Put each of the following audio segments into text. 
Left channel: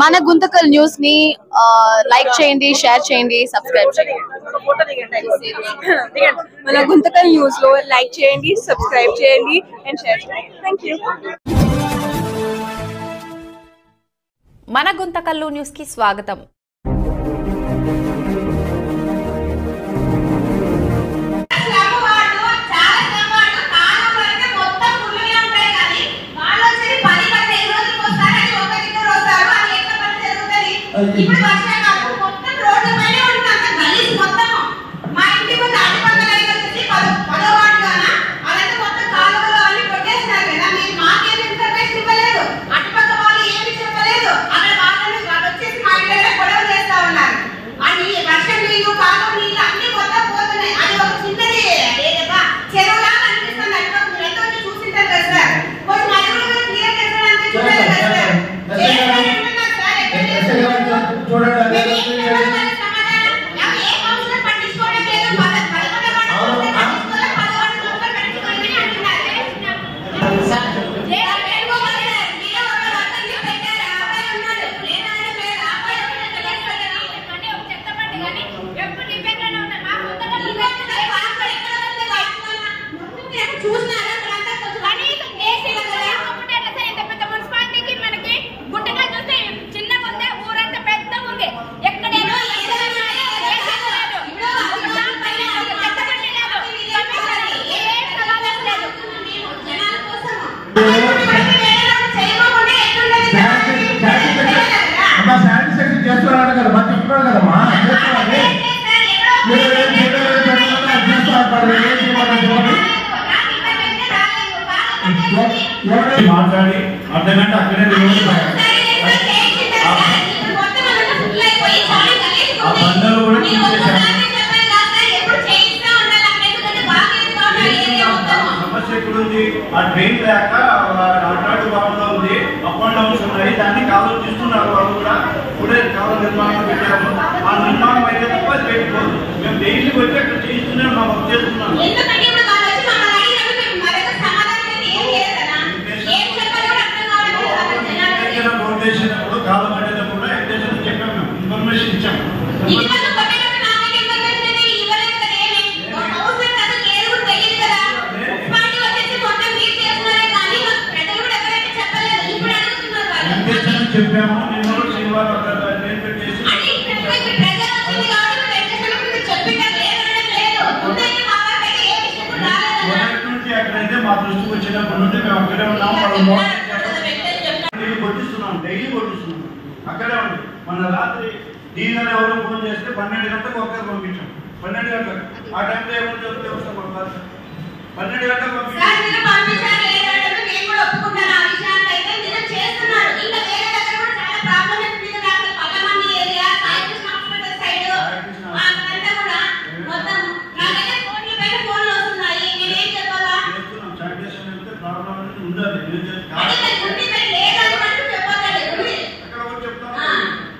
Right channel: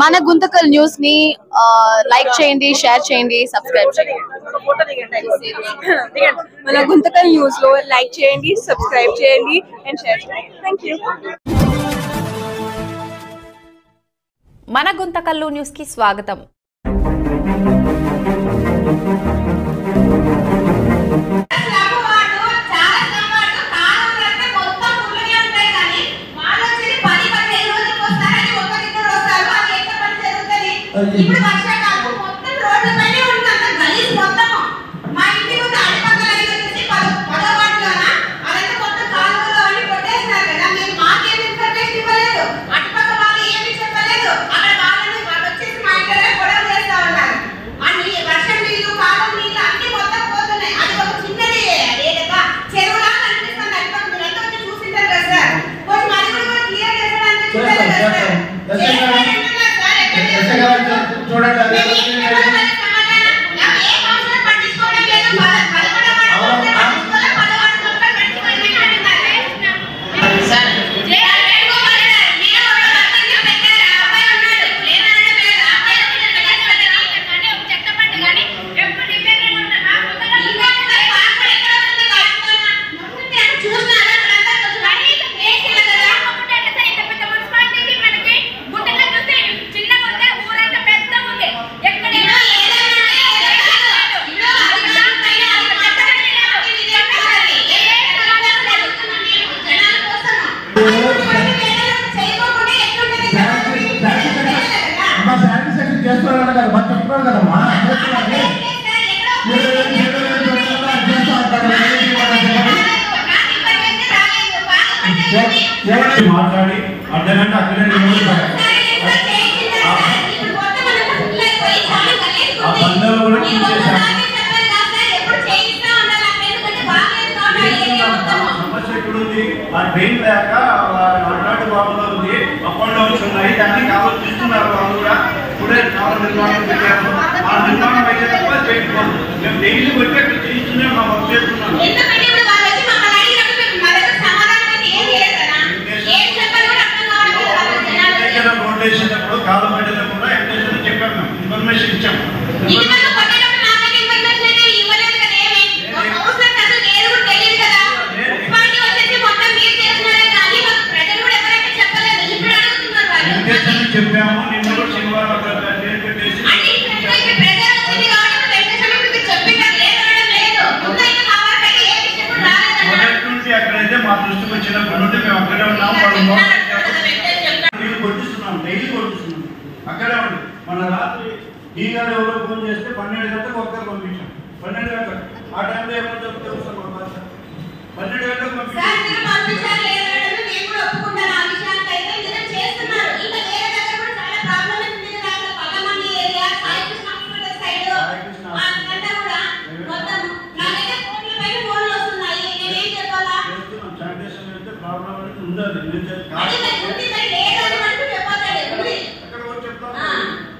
మన గుంతకల్ న్యూస్ ని లైక్ చేయండి, షేర్ చేయండి, సబ్స్క్రైబ్ చేయండి. మన గుంతకల్ న్యూస్ లో లైక్ చేయండి, సబ్స్క్రైబ్ చేయండి అండ్ షేర్ చేయండి. థాంక్యూ. మన గుంతకల్లు న్యూస్ కి స్వాగతం. ఇప్పుడు వర్షాకాలం మొత్తం రోడ్ల పైనే ఉంటుంది గలీజ్ మొత్తం. మా ఇంటి ముందు అటుపక్కల వచ్చేసి 10వ వార్డులోన అదంతా మొత్తం కాలువలు అన్ని కొట్టేసినారు కదా. మీరు మాకేం ఇన్ఫర్మేషన్ ఇవ్వలేదు, అటుపక్క వాళ్ళు ఏమి చెప్పలేదు. అక్కడ వాళ్ళు వచ్చేసి మా ఇంట్లో గొడవ చేస్తా ఉన్నారు. అన్ని వర్షం నీళ్లు, కాలువ నీళ్లు అన్ని మొత్తం పోతున్నాయి. అది ఒక చిన్నది అదేదబ్బా చెరువులా కనిపిస్తుంది. అటుపక్క మీరు ఎంత వచ్చి చూసింటారు కదా సార్. కొంచెం అది కూడా క్లియర్ చేసడానికి చూడాలి కదా సార్. మాట్లాడి అర్ధగంట అక్కడే ఆ బంధాలు కూడా సమస్య ఎక్కడుంది? ఆ ట్రైన్ లేక అటువంటి భావన ఉంది, అప్ అండ్ డౌన్స్ ఉన్నాయి. దాన్ని ఆలోచిస్తున్నారు వాళ్ళు కూడా. ఇప్పుడే చాలా నిర్మాణం పెట్టాము. ఆ నిర్మాణం అయితే తప్ప చేయకపోదు. మేము డైలీ వచ్చి అక్కడ చేయిస్తూనే ఉన్నాం, వర్క్ చేస్తున్నాం. రోడ్ వేసినప్పుడు కాలం పడేటప్పుడు ఎక్స్టెన్షన్ చెప్పాము, ఇన్ఫర్మేషన్ ఇచ్చాము. చెప్పాము నిన్న శనివారం అక్కడ నేను పెట్టేసి అక్కడైతే మా దృష్టికి వచ్చినప్పటి నుండి మేము అక్కడే ఉన్నాము. కొట్టిస్తున్నాం, డైలీ కొట్టిస్తున్నాం. అక్కడే ఉంది. మన రాత్రి డీగారు ఎవరో ఫోన్ చేస్తే 12 గంటలకు ఒక్కరు పంపించాం. 12 గంటలకు ఆ టైంలో ఏమని చెప్తే వస్తాం మన 12 గంటలకు పంపించాం.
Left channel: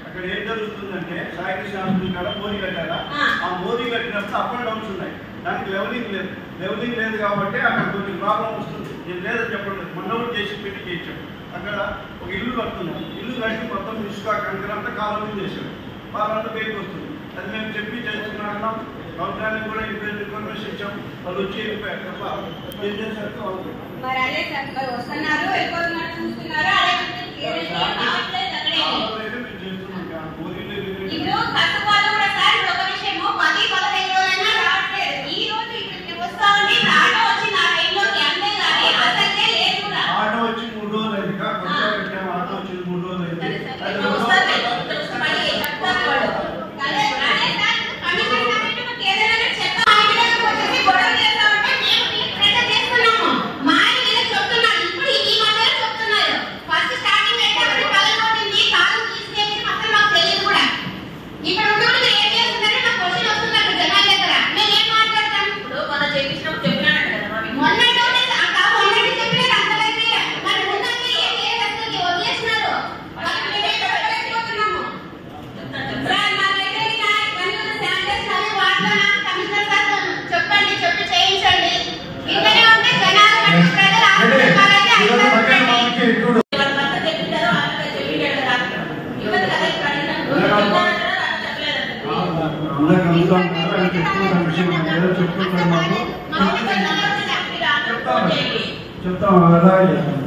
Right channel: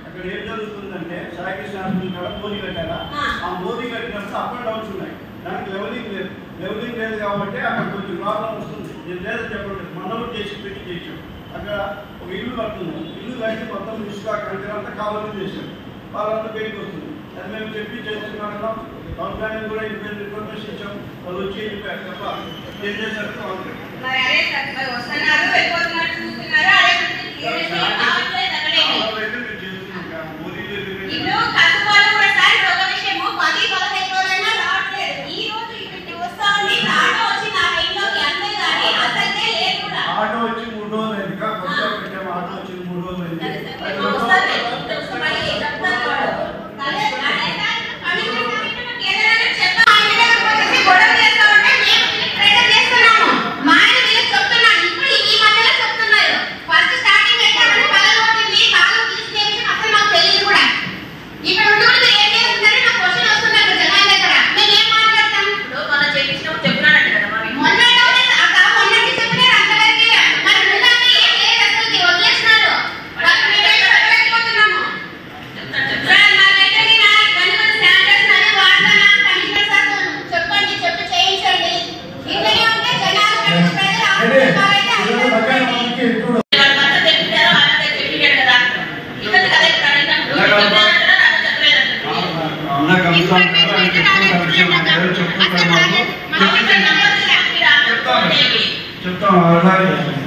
అక్కడ ఏం జరుగుతుందంటే సాయికృష్ణ హాస్పిటల్ కాడ మోదీ కట్టారా, ఆ మోదీ కట్టినప్పుడు అప్ అండ్ డౌన్స్ ఉన్నాయి. దానికి లెవెలింగ్ లేదు కాబట్టి అక్కడ కొంచెం ప్రాబ్లం వస్తుంది. నేను లేదని చెప్పలేదు, మొన్న చేసి పెట్టి చేయించాం. అక్కడ ఒక ఇల్లు కడుతున్నాం, ఇల్లు కట్టి మొత్తం ఇసుక కంకర అంతా కాలం చేసాం. వాళ్ళంతా బయటకు వస్తుంది. అది మేము చెప్పి చేస్తున్నాం. ప్రభుత్వానికి కూడా ఇన్ఫర్మేషన్ ఇచ్చాం. వాళ్ళు వచ్చి వెళ్ళిపోయారు తప్ప ఏం చేశారు ఆటో వచ్చి 3 రోజులు అయింది. పెట్టాము, ఆటో వచ్చి 3 రోజులు అయింది. అన్నా కలుస్తాను కదా అని చెప్పుకుంటాను విషయం ఏదో చెప్పుకుంటాను మాకు చెప్తాం అలాగే